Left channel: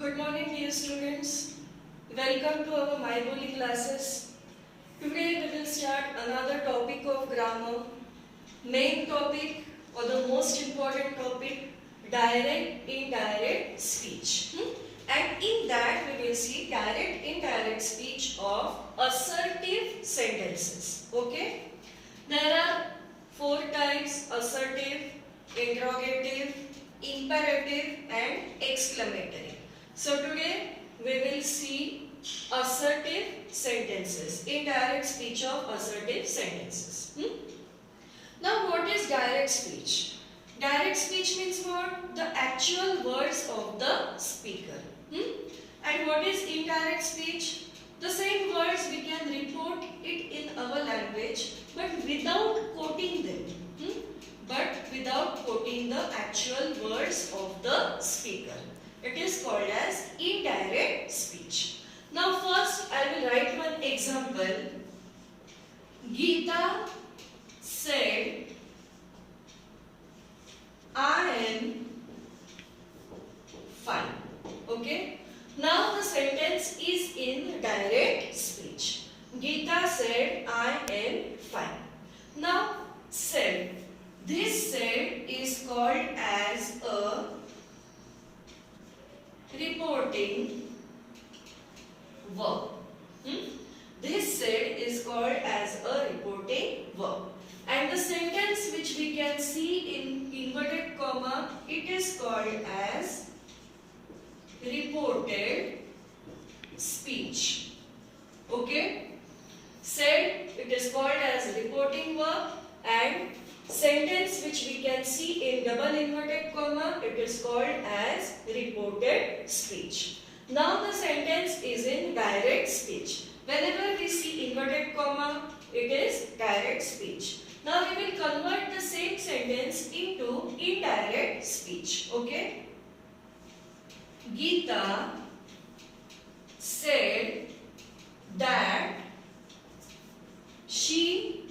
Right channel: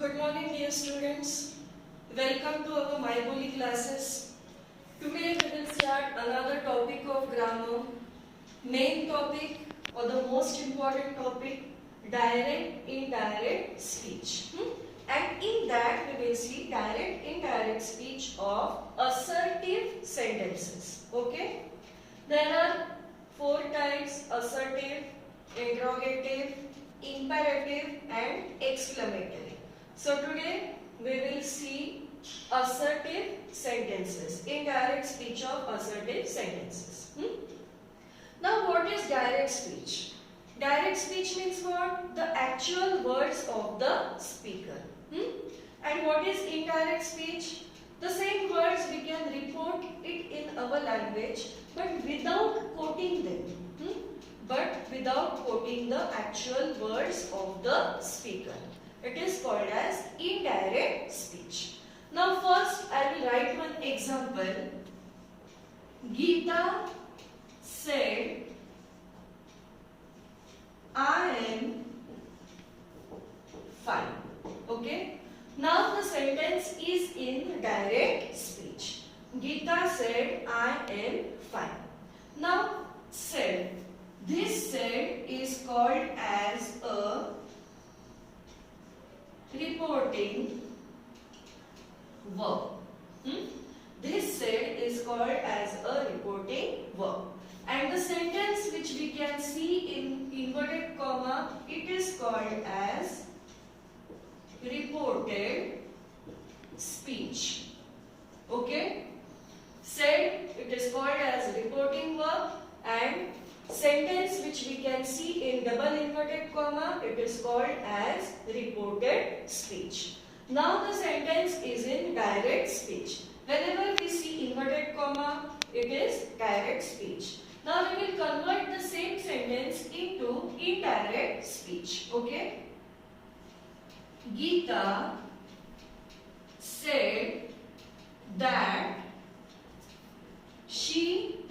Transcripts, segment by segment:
Good morning, dear students. Welcome to our MyBoli classes. Today we will start another topic of grammar. Main topic or the most important topic, direct indirect speech. And in that we will see direct indirect speech of assertive sentences. Okay? There are four types: assertive, interrogative, imperative and exclamatory. So today we will see assertive sentences, indirect speech of assertive sentences. Now what is direct speech? Direct speech means what? The actual words of the speaker. And what is indirect speech? The same words we can report it in our language but without quoting them. But without quoting the actual words of the speaker. It is called as indirect speech. Now first I will write one example. Geeta said, I am fine. Okay. Now the sentence is in direct speech. Geeta said, I am fine. Now said. This said is called as a reporting verb. This said is called as a reporting verb. And the sentence which we can see in inverted comma, it is called as reported speech. Okay? Said, it is called as reporting verb, and sentence which we can see in double inverted comma, it is called as reported speech. Now the sentence is in direct speech. Whenever we see inverted comma, it is direct speech. Now we will convert the same sentence into indirect speech. Okay? Geeta said that she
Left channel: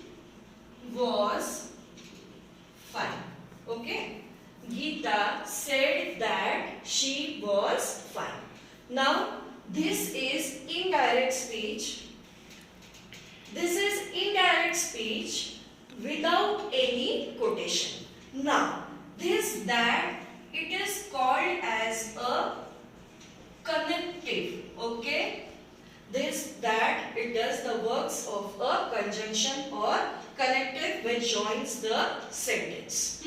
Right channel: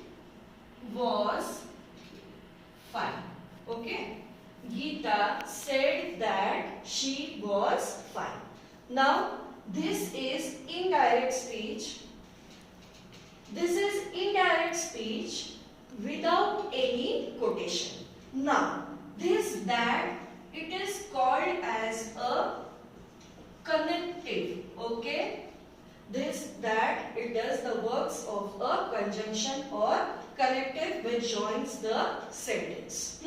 was fine. Okay? Geeta said that she was fine. Now, this is indirect speech. This is indirect speech without any quotation. Now, this that, it is called as a connective. Okay? This that, it does the works of a conjunction or connective which joins the sentence.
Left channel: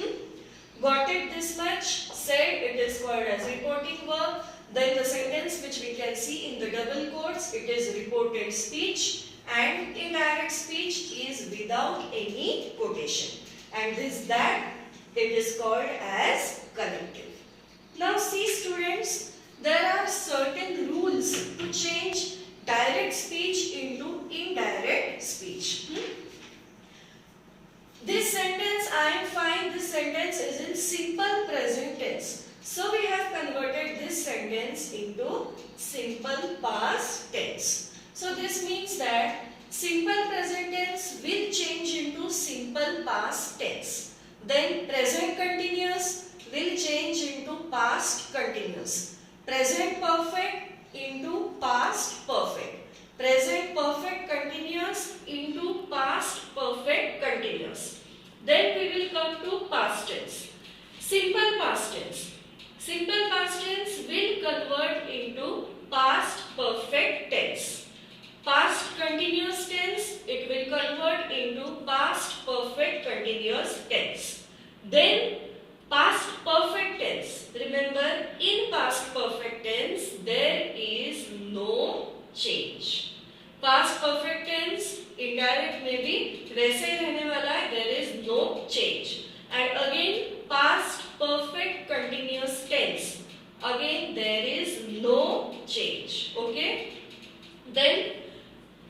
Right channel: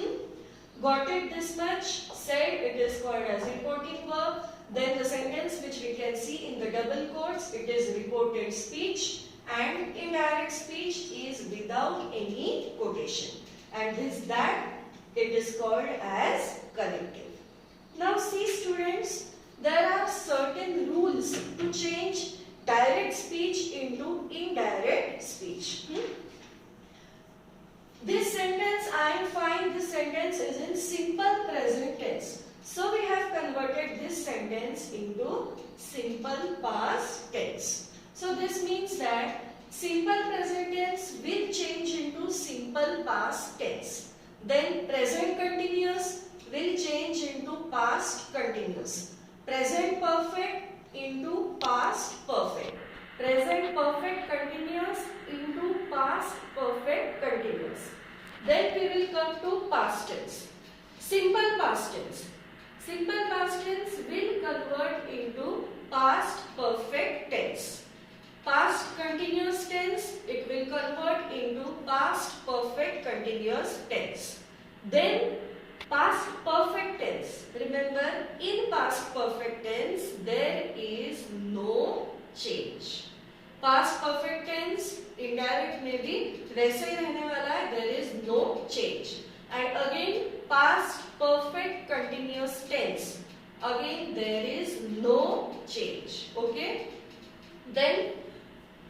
Got it this much? Said, it is called as reporting verb. Then the sentence which we can see in the double quotes, it is reported speech, and indirect speech is without any quotation. And this that, it is called as connective. Now see students, there are certain rules to change direct speech into indirect speech. This sentence, I am fine, this sentence is in simple present tense. So we have converted this sentence into simple past tense. So this means that simple present tense will change into simple past tense. Then present continuous will change into past continuous. Present perfect into past perfect. Present perfect continuous into past perfect continuous. Then we will come to past tense. Simple past tense. Simple past tense will convert into past perfect tense. Past continuous tense, it will convert into past perfect continuous tense. Then past perfect tense. Remember, in past perfect tense, there is no change. Past perfect tense, indirect में भी वैसे ही रहने वाला है, there is no change. And again, past perfect continuous tense, again there is no change. Okay? Then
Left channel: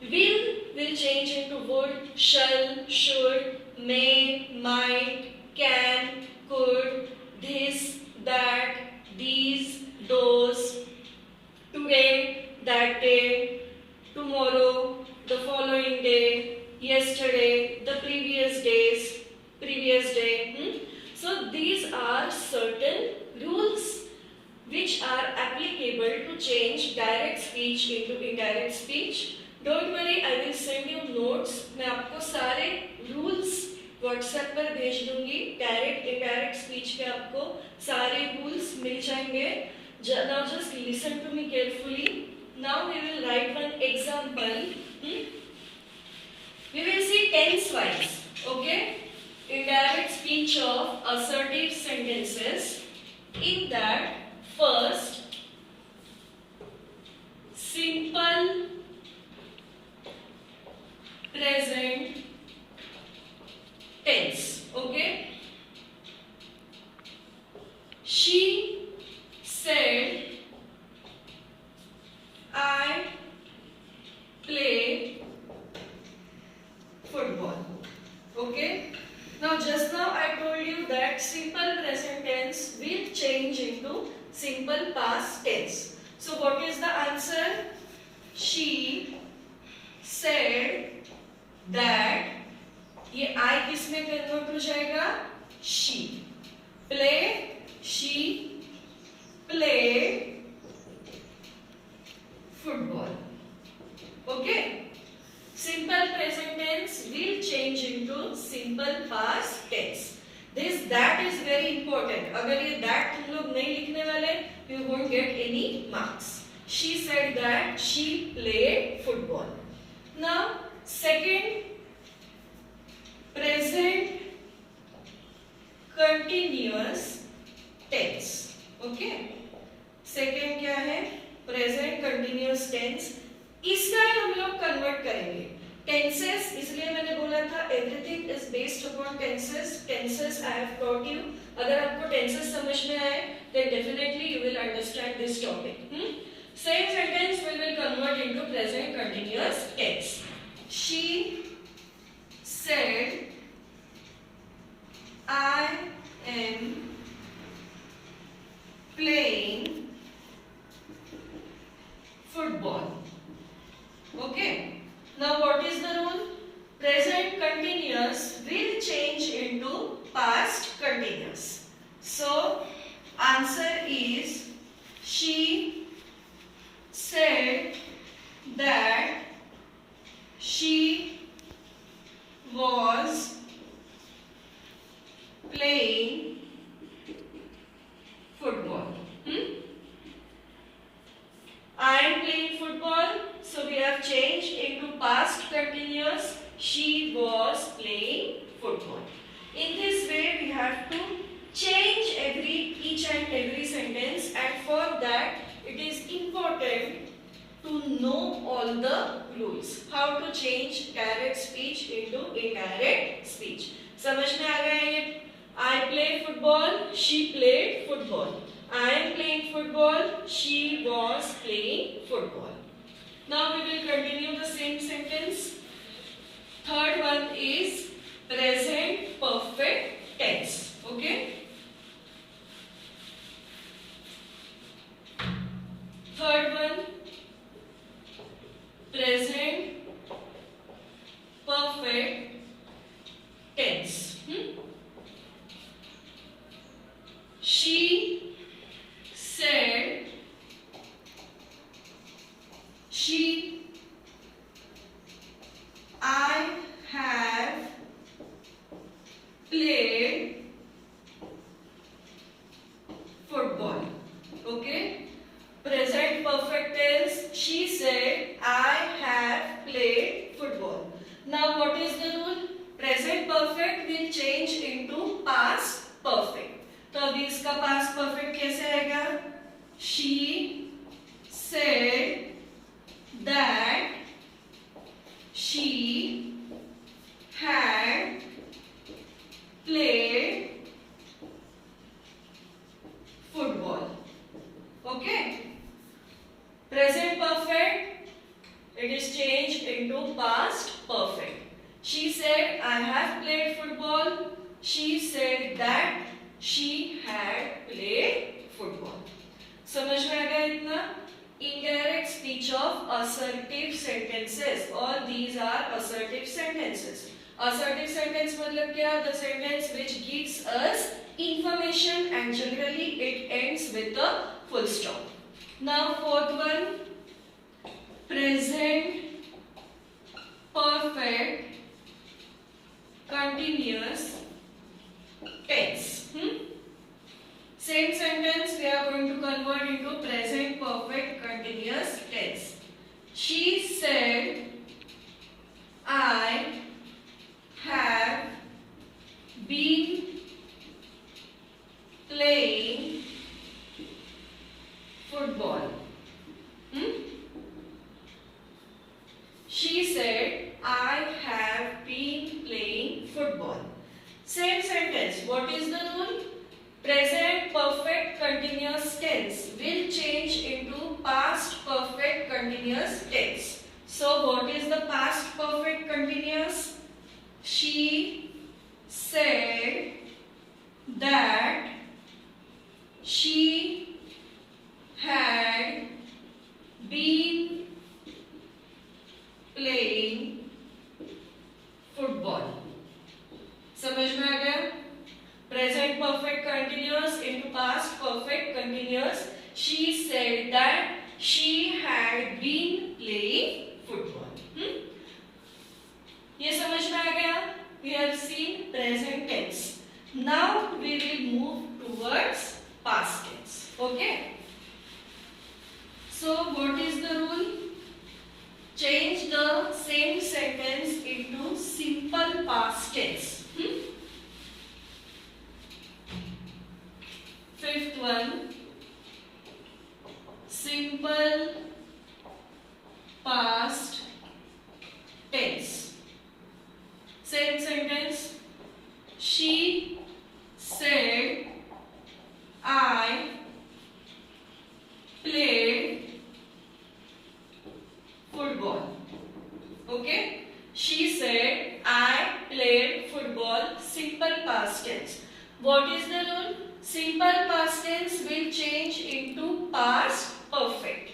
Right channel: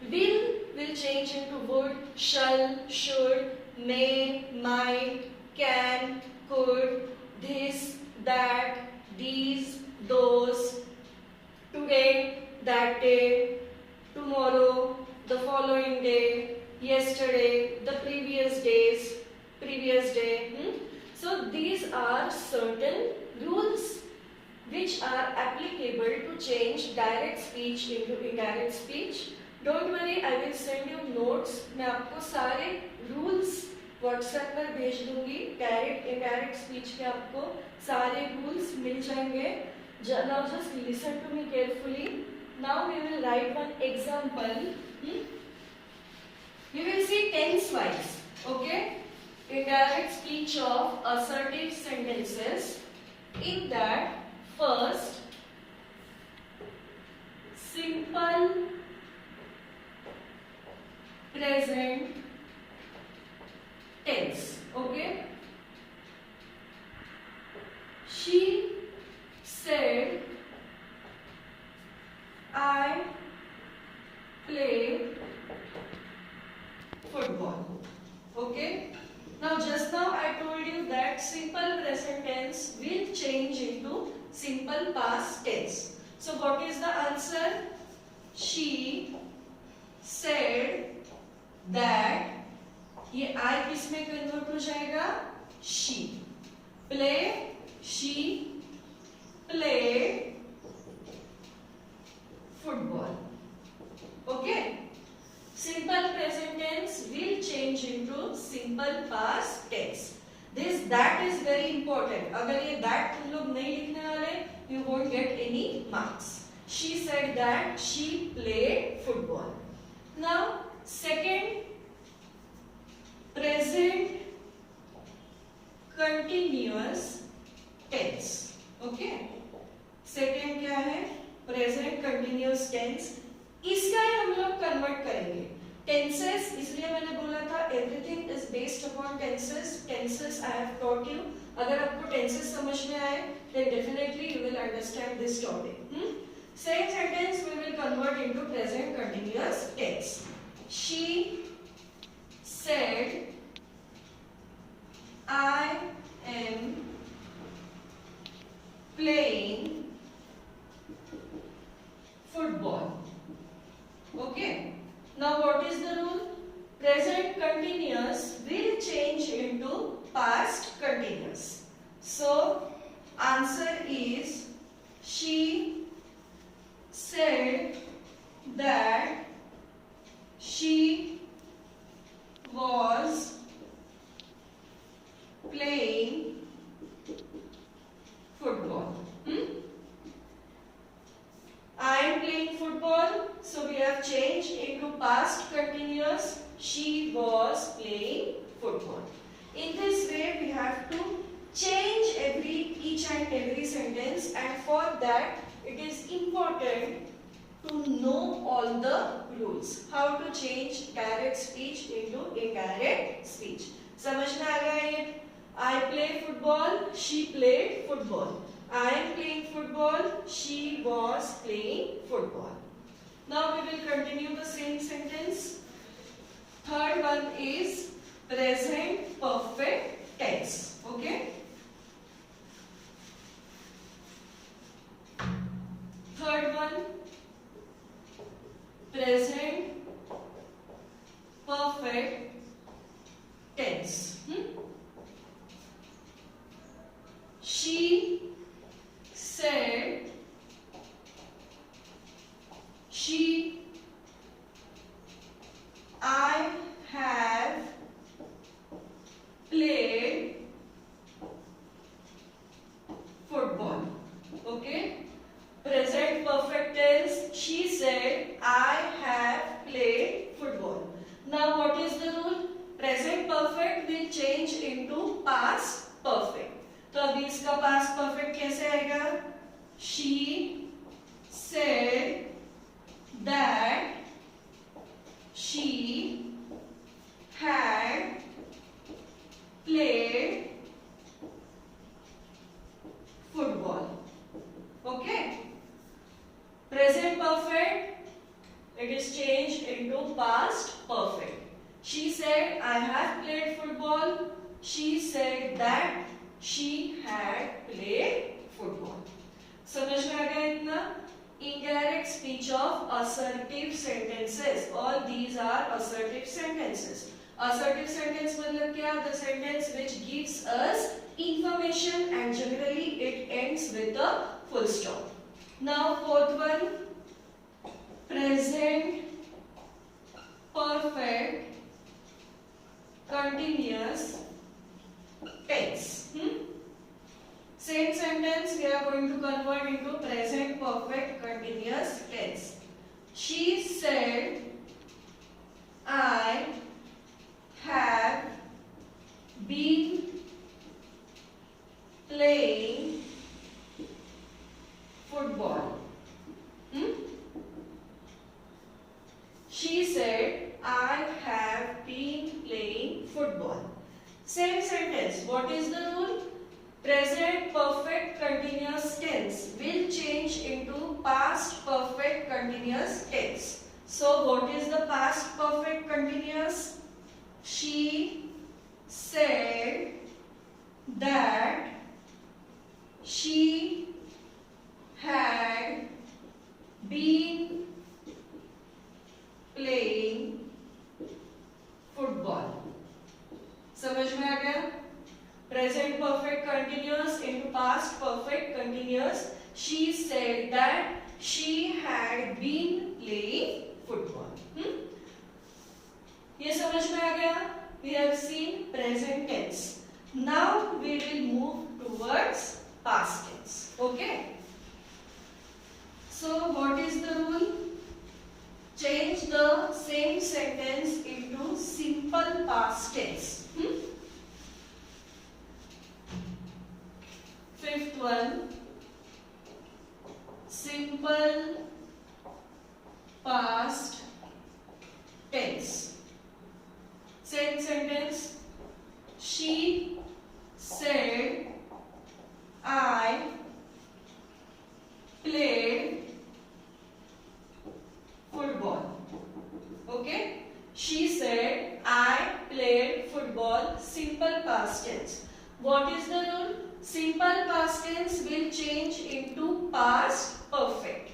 will change into would, shall, should, may, might, can, could, this, that, these, those, today, that day, tomorrow, the following day, yesterday, the previous day. So these are certain change direct speech into indirect speech. Don't worry, I will send you notes. मैं आपको सारे rules WhatsApp पर भेज दूंगी. Direct indirect speech के आपको सारे rules मिल जाएंगे. Now just listen to me carefully. Now we will write one example. We will see tense wise. Okay? Indirect speech of assertive sentences. In that, first, simple present tense. Okay? She said, I play football. Okay? Now just now I told you that simple present tense will change into simple past tense. So what is the answer? She said that ये I किस में convert हो जाएगा? She played football. Okay? Simple present tense will change into simple past tense. That is very important. अगर ये that तुम लोग नहीं लिखने वाले, you won't get any marks. She said that she played football. Now, second, present continuous tense. Okay? Second क्या है? Present continuous tense. इसका ही हम लोग कन्वर्ट करेंगे. टेंसेस, इसलिए मैंने बोला था everything is based upon tenses. Tenses I have taught you. अगर आपको टेंसेस समझ में आए then definitely you will understand this topic. Same sentence we will convert into present continuous tense. She said, I am playing football. Okay? Now what is the rule? Present continuous will change into past continuous. So answer is she said that she was playing football. I am playing football, so we have changed into past continuous. She was playing football. In this way, we have to change each and every sentence, and for that, it is important to know all the rules. How to change direct speech into indirect speech. समझ में आ गया ये? I play football. She played football. I am playing football. She was playing football. Now we will continue the same sentence. Third one is present perfect tense. Okay? Third one, present perfect tense. She said, I have played football. Okay? Present perfect tense. She said, I have played football. Now what is the rule? Present perfect will change into past perfect. तो अभी इसका past perfect कैसे आएगा? She said that she had played football. Okay? Present perfect, it is changed into past perfect. She said, I have played football. She said that she had played football. समझ में आ गया इतना? Indirect speech of assertive sentences. All these are assertive sentences. Assertive sentence मतलब क्या? The sentence which gives us information and generally it ends with a full stop. Now fourth one, present perfect continuous tense. Same sentence we are going to convert into present perfect continuous tense. She said, I have been playing football. She said, I have been playing football. Same sentence. What is the rule? Present perfect continuous tense will change into past perfect continuous tense. So what is the past perfect continuous? She said that she had been playing football. समझ में आ गया? Present perfect continuous into past perfect continuous. She said that she had been playing football. ये समझ में आ गया? We have seen present tense. Now we will move towards past tense. Okay? So what is the rule? Change the same sentence into simple past tense. Fifth one, simple past tense. Same sentence. She said, I played football. Okay? She said, I played football. Simple past tense. What is the rule? Simple past tense will change into past perfect.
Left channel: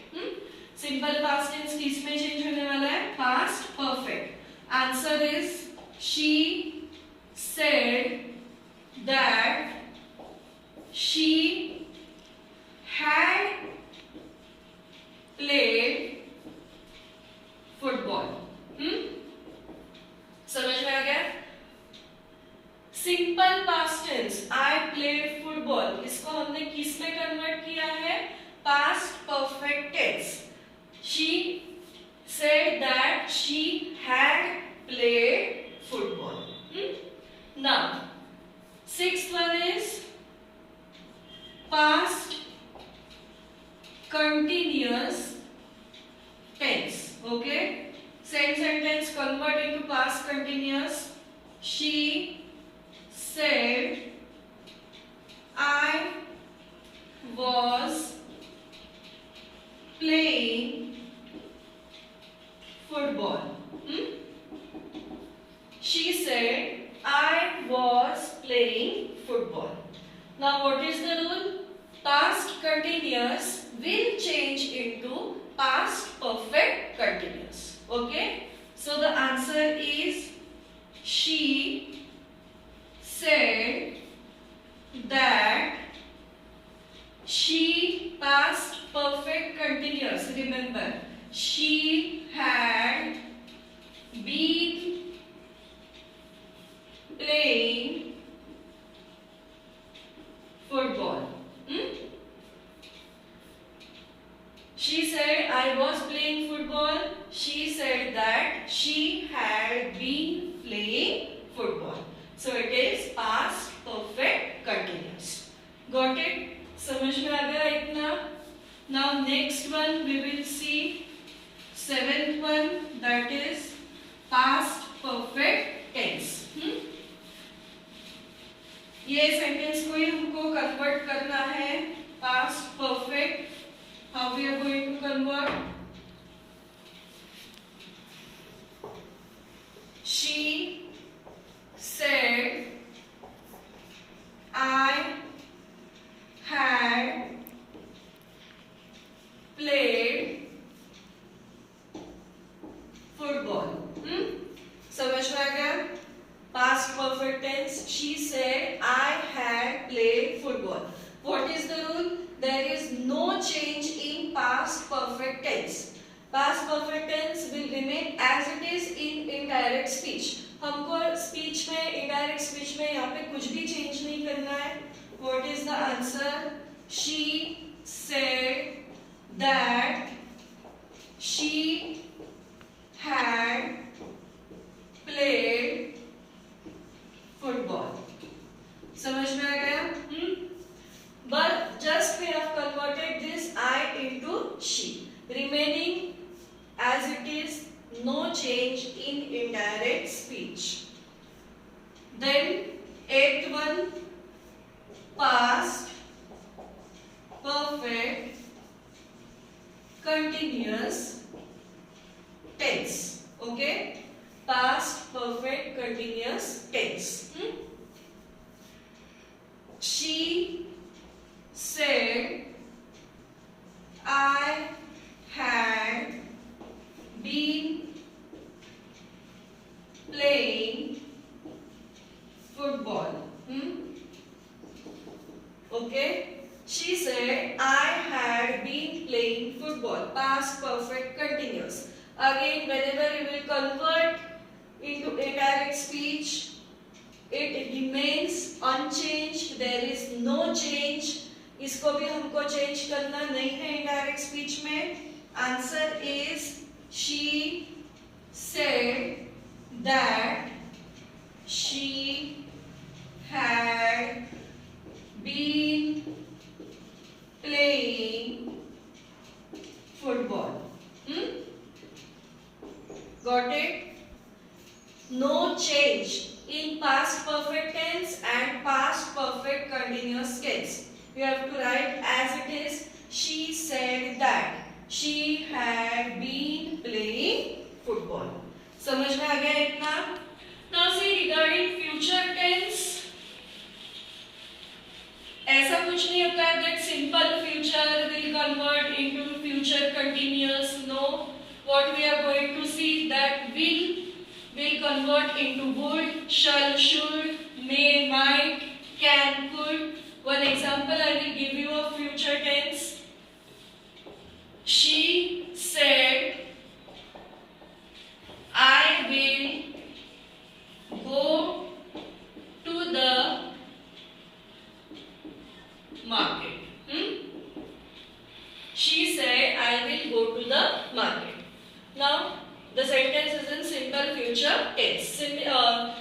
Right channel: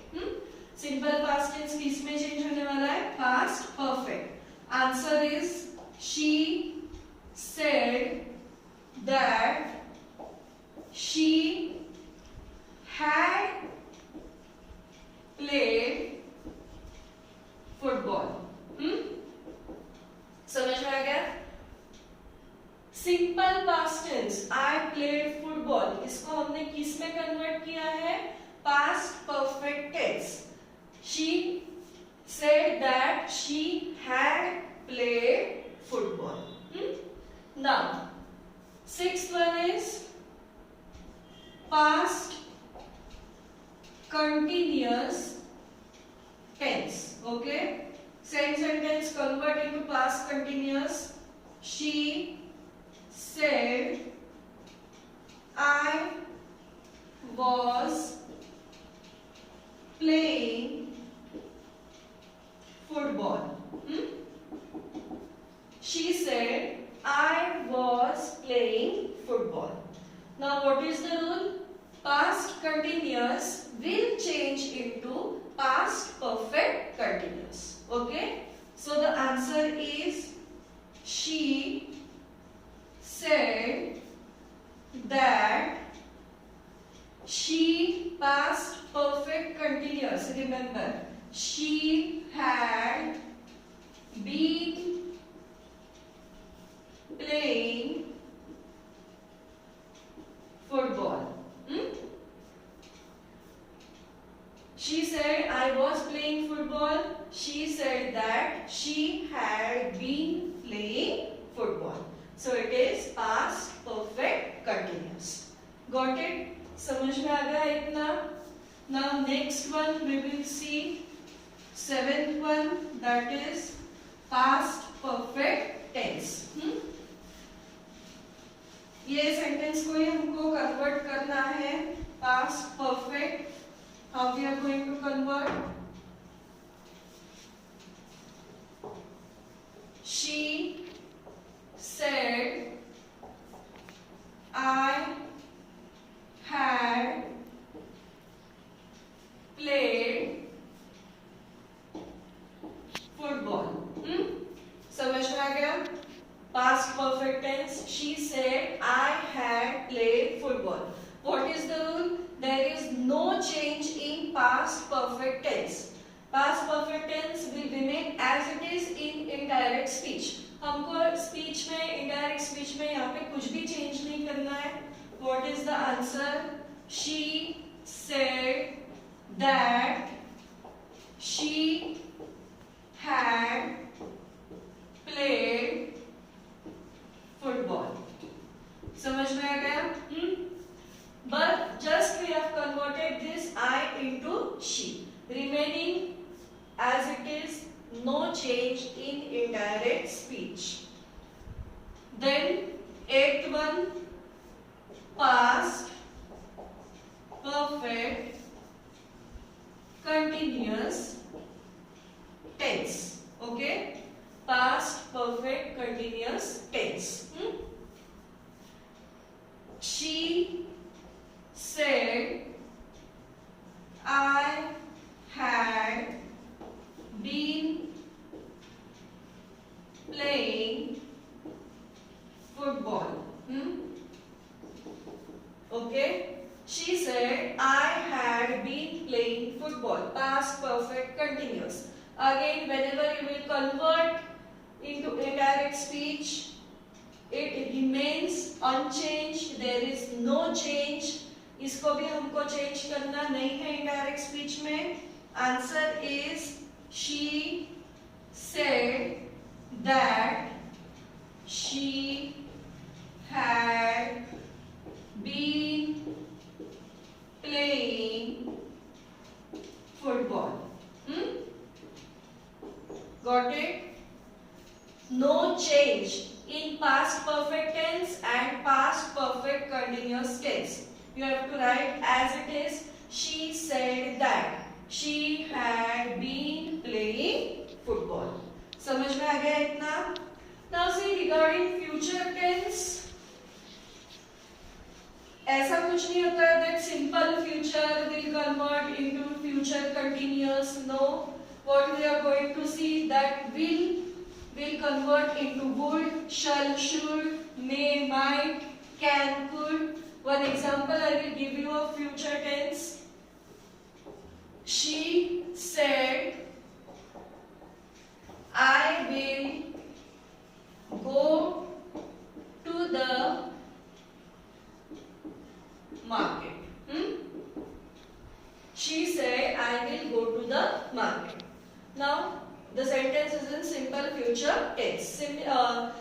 Simple past tense किस में change होने वाला है? Past perfect. Answer is she said that she had played football. समझ में आ गया? Simple past tense I played football, इसको हमने किस में कन्वर्ट किया है? Past perfect tense. She said that she had played football. Now sixth one is past continuous tense. Okay, same sentence convert into past continuous. She said, I was playing football. She said, I was playing football. Now what is the rule? Past continuous will change into past perfect continuous. Okay? So the answer is she said that she past perfect continuous. Remember, she had been playing football. She said, I was playing football. She said that she had been playing football. So it is past perfect continuous. Got it? समझ में आ गया इतना? Now next one we will see seventh one, that is past perfect tense. ये sentence को ही हमको convert करना है past perfect. How we are going to convert? She said, I had played football. समझ में आ गया? Past perfect tense. She said, I had played football. What is the rule? There is no change in past perfect tense. Past perfect tense will remain as it is in indirect speech. हमको speech में, indirect speech में यहाँ पे कुछ भी change नहीं करना है. What is the answer? She said that she had played football. समझ में आ गया? But just we have converted this I into she, remaining as it is, no change in indirect speech. Then eighth one, past perfect continuous tense. Okay, past perfect continuous tense. She said I had been playing football. Okay, she said I had been playing football. Past perfect continuous. Again, whenever you will convert into indirect speech, it remains unchanged. There is no change. इसको भी हमको change करना नहीं है indirect speech में. Answer is she said that she had been playing football. Got it? No change in past perfect tense and past perfect continuous tense. You have to write as it is. She said that she had been playing football. समझ में आ गया इतना? Now see regarding future tense. ऐसा कुछ नहीं होता है that simple future will convert into future continuous. No. What we are going to see that will convert into would, shall, should, may, might, can, could. One example I will give you of future tense. She said, I will go to the market. She said, I will go to the market. Now, the sentence is in simple future tense.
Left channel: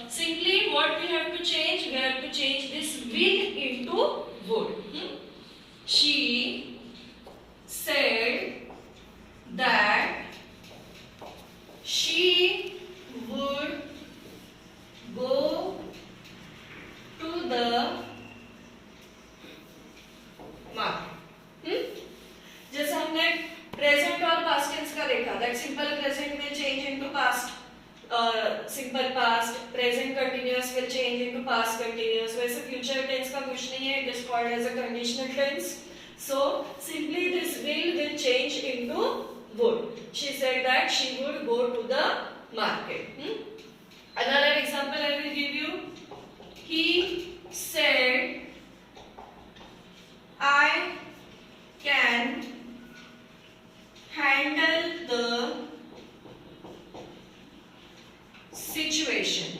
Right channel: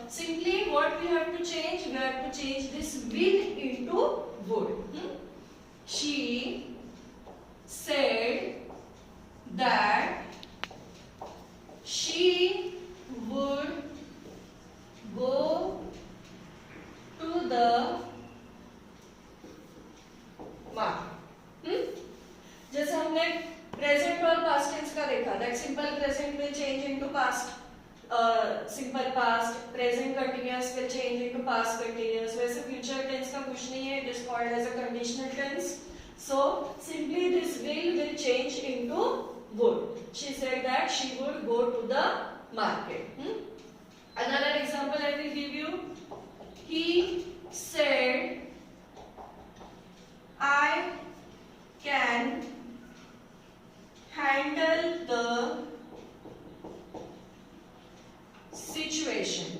Simply what we have to change? We have to change this will into would. She said that she would go to the market. जैसा हमने present और past tense का देखा, that simple present will change into past simple past, present continuous will change into past continuous. वैसे future tense का कुछ नहीं है, it is called as a conditional tense. So simply this will change into would. She said that she would go to the market. Another example I will give you. He said, I can handle the situation.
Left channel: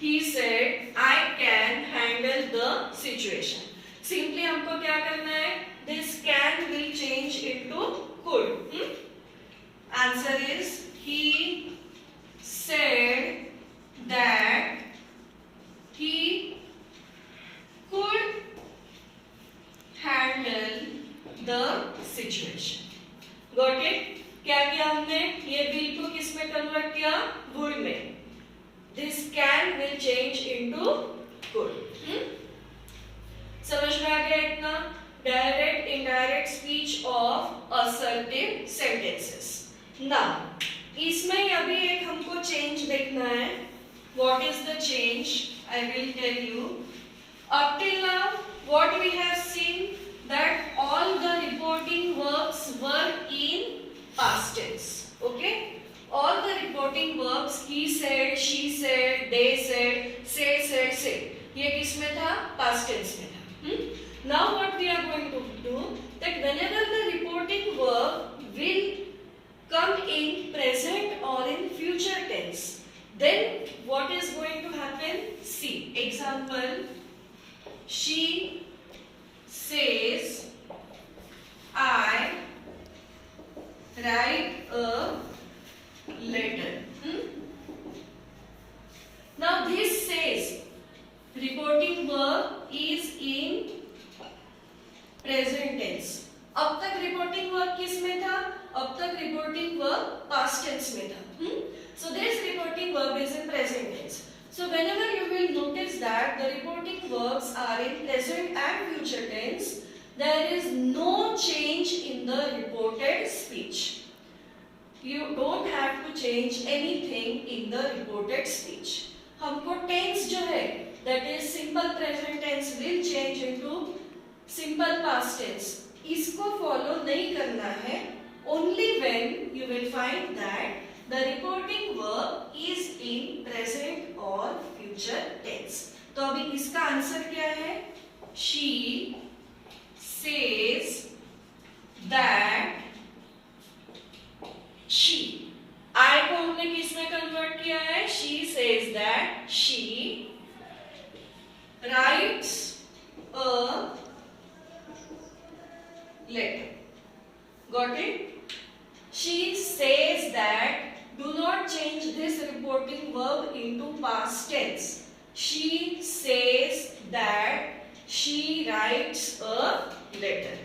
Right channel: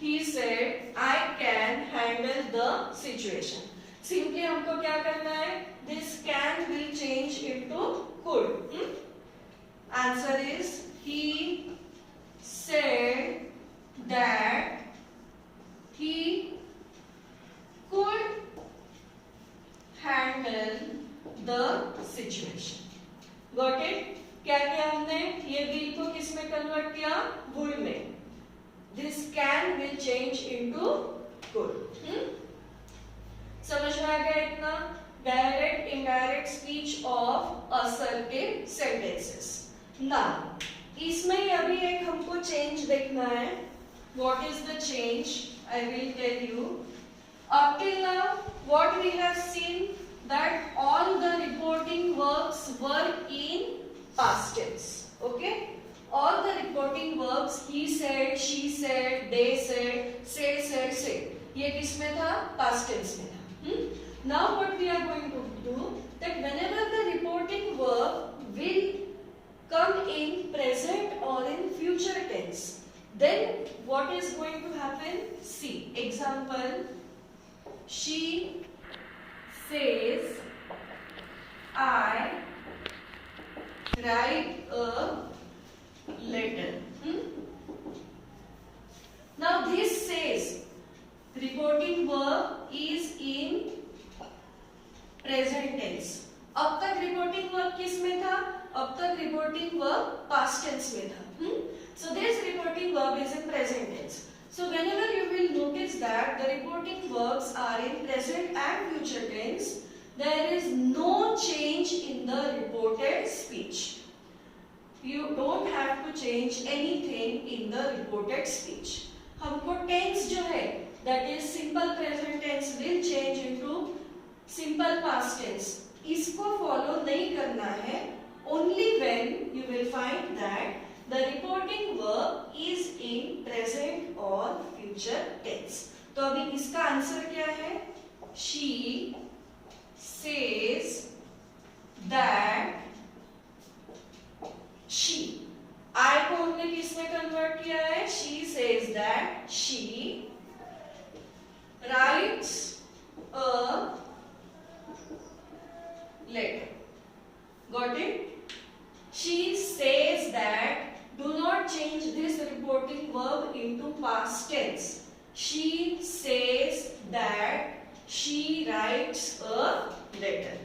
He said, I can handle the situation. Simply हमको क्या करना है? This can will change into could. Answer is he said that he could handle the situation. Got it? क्या किया हमने? ये will को किस में कन्वर्ट किया? would में. This can will change into could. समझ में आ गया इतना? Direct indirect speech of assertive sentences. Now इसमें अभी एक हमको चेंज देखना है. What is the change? I will tell you. Up till now what we have seen that all the reporting verbs were in past tense. Okay, all the reporting verbs he said, she said, they said, say ये किस में था? Past tense में था. Now what we are going to do, that what is going to happen? See, example, she says, I write a letter. Now this says reporting verb is in present tense. अब तक reporting verb किस में था? अब तक reporting verb past tense में था. So this reporting verb is in present tense. So whenever you will notice that the reporting verbs are in present and future tense, there is no change in the reported speech. You don't have to change anything in the reported speech. हमको tense जो है, that is simple present tense will change into simple past tense. इसको follow नहीं करना है. Only when you will find that the reporting verb is in present or future tense. तो अभी इसका आंसर क्या है? She says that she. I को हमने किस में कन्वर्ट किया है? She says that she writes a letter. Got it? She says that. Do not change this reporting verb into past tense. She says that she writes a letter.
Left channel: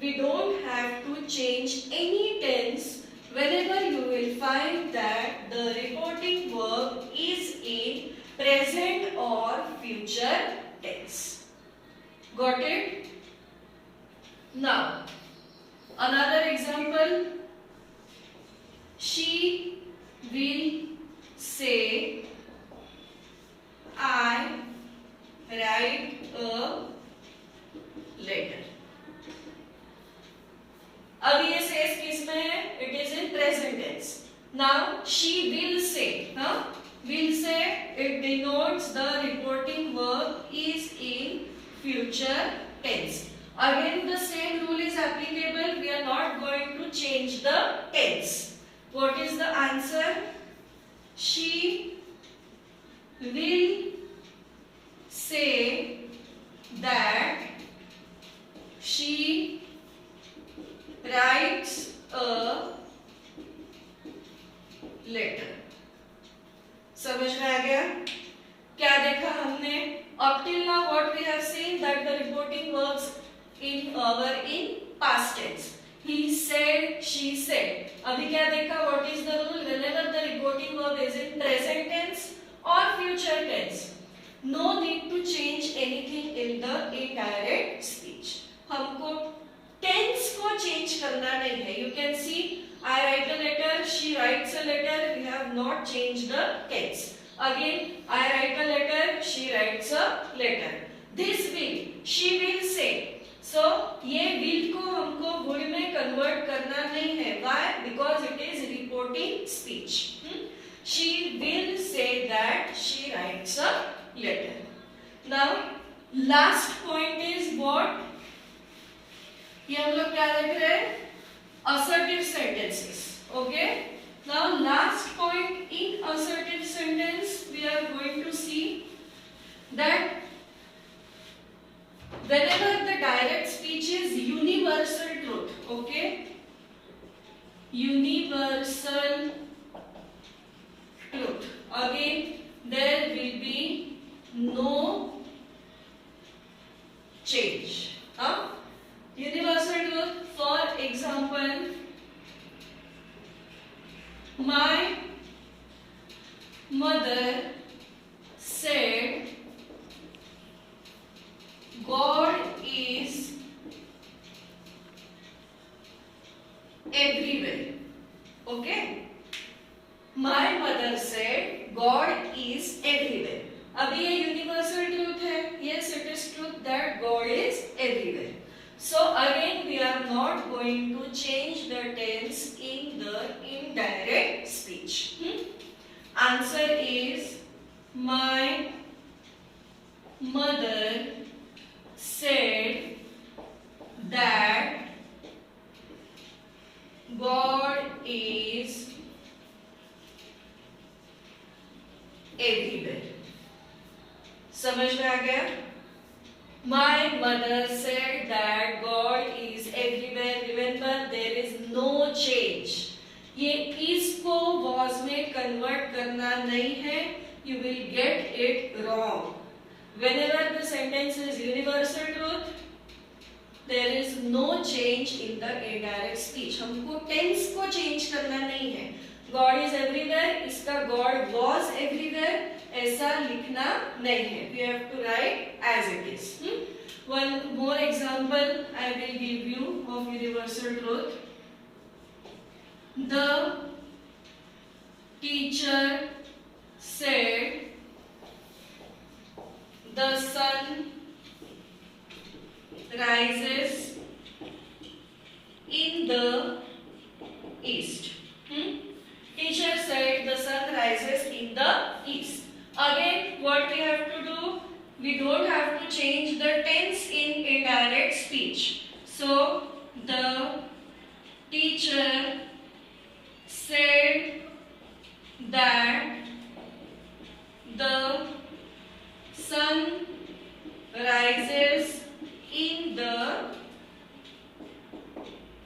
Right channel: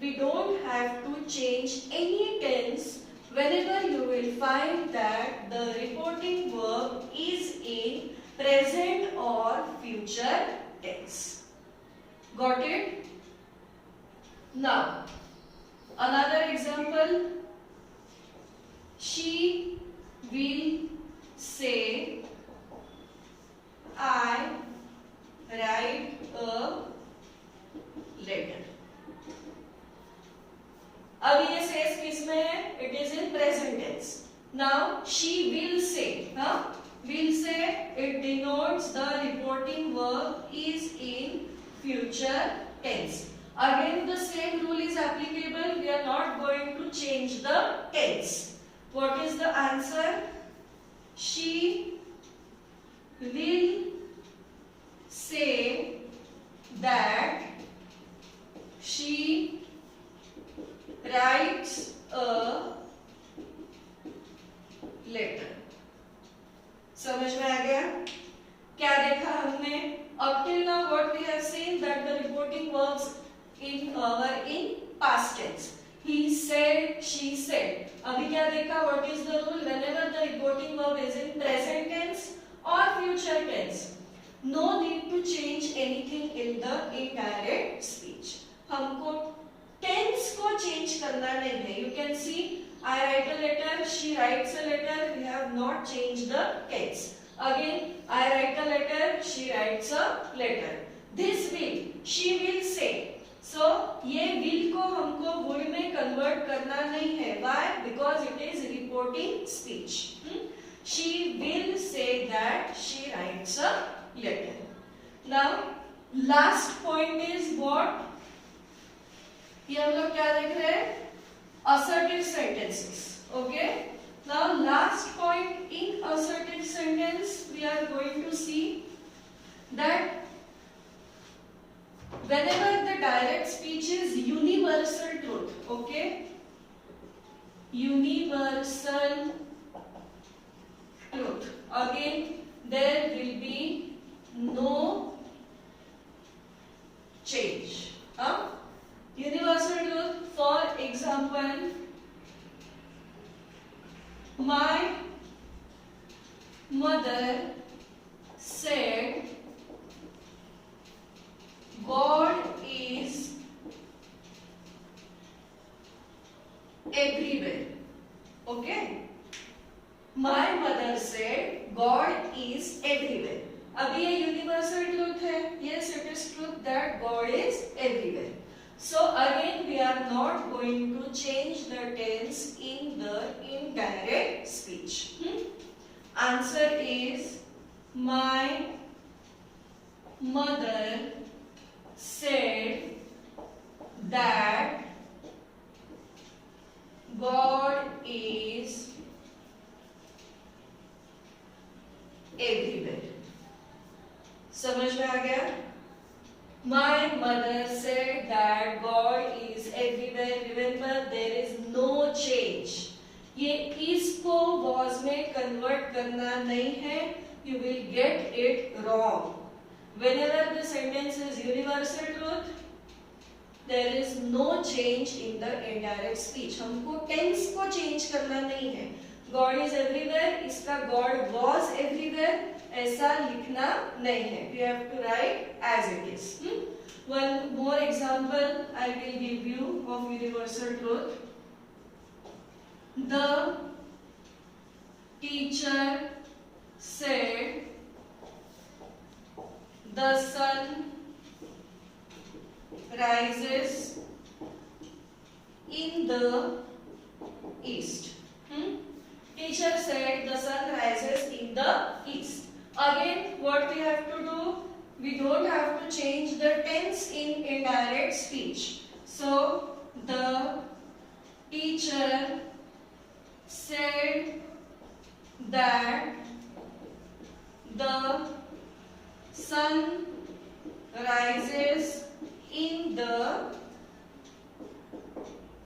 We don't have to change any tense whenever you will find that the reporting verb is in present or future tense. Got it? Now, another example. She will say, I write a letter. अब ये says किस में है? It is in present tense. Now she will say, will say it denotes the reporting verb is in future tense. Again the same rule is applicable. We are not going to change the tense. What is the answer? She will say that she writes a letter. समझ में आ गया? क्या देखा हमने? Up till now what we have seen that the reporting verbs were in past tense. He said, she said. अभी क्या देखा? What is the rule? Whenever the reporting verb is in present tense or future tense, no need to change anything in the indirect speech. हमको tense को change करना नहीं है. You can see, I write a letter, she writes a letter. We have not changed the tense. Again, I write a letter, she writes a letter. This will, she will say. So ये will को हमको would में convert करना नहीं है. Why? Because it is reporting speech. She will say that she writes a letter. Now last point is what? ये हम लोग क्या देख रहे हैं? Assertive sentences. Okay. Now last point in assertive sentence we are going to see that whenever the direct speech is universal truth, okay, universal truth, again there will be no change. Universal truth, for example, my mother said God is everywhere. Okay? My mother said God is everywhere. अभी ये universal truth है. Yes, it is truth that God is everywhere. So again, we are not going to change the tense in the indirect speech. Answer is my mother said that God is mother said that God is everywhere. Remember, there is no change. ये इसको was में convert करना नहीं है. You will get it wrong. Whenever the sentence is universal truth, there is no change in the indirect speech. हमको tense को change करना नहीं है. God is everywhere, इसका God was everywhere ऐसा लिखना नहीं है. We have to write as it is. One more example I will give you of universal truth. The teacher said the sun rises in the east. Teacher said the sun rises in the east. Again, what we have to do? We don't have to change the tense in indirect speech. So, the teacher said that the sun rises in the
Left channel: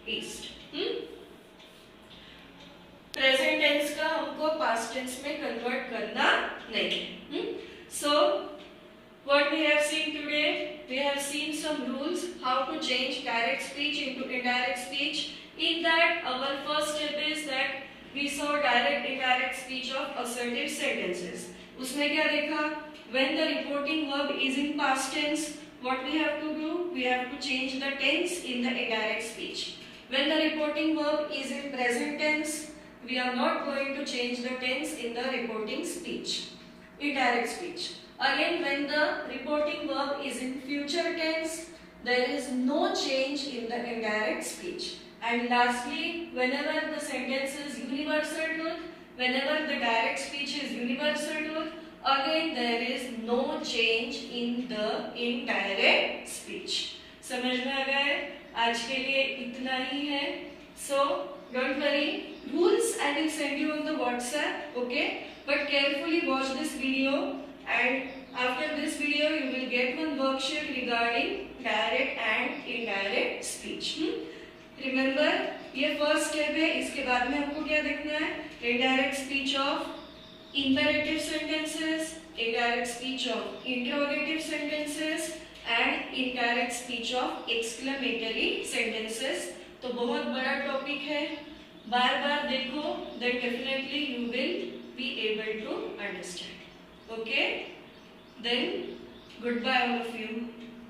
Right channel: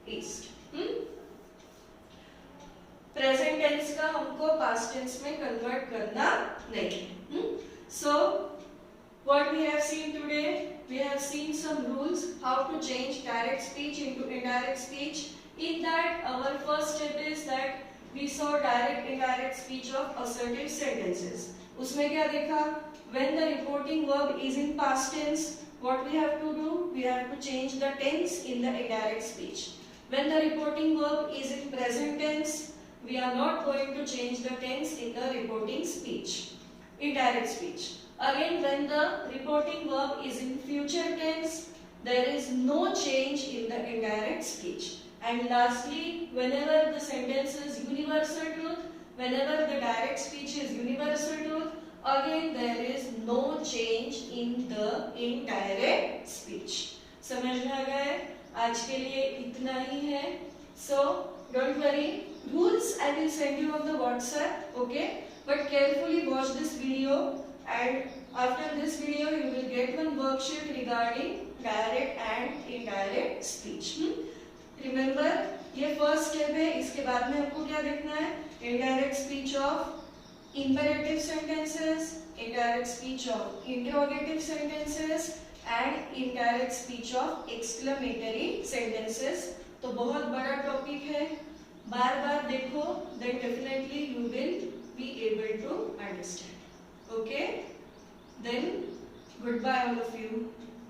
east. Present tense का हमको past tense में convert करना नहीं है. So what we have seen today, we have seen some rules how to change direct speech into indirect speech. In that, our first step is that we saw direct indirect speech of assertive sentences. उसमें क्या देखा? When the reporting verb is in past tense, what we have to do? We have to change the tense in the indirect speech. When the reporting verb is in present tense, we are not going to change the tense in the reporting speech, indirect speech. Again, when the reporting verb is in future tense, there is no change in the indirect speech. And lastly, whenever the sentence is universal truth, whenever the direct speech is universal truth, again there is no change in the indirect speech. समझ में आ गया है? आज के लिए इतना ही है. So don't worry, rules I will send you on the WhatsApp, okay? But carefully watch this video, and after this video you will get one worksheet regarding direct and indirect speech. Remember, ये first step है. इसके बाद में हमको क्या देखना है? Indirect speech of imperative sentences, indirect speech of interrogative sentences, and indirect speech of exclamatory sentences. तो बहुत बड़ा टॉपिक है. बार बार देखो, then definitely you will be able to understand. Okay? Then goodbye all of you.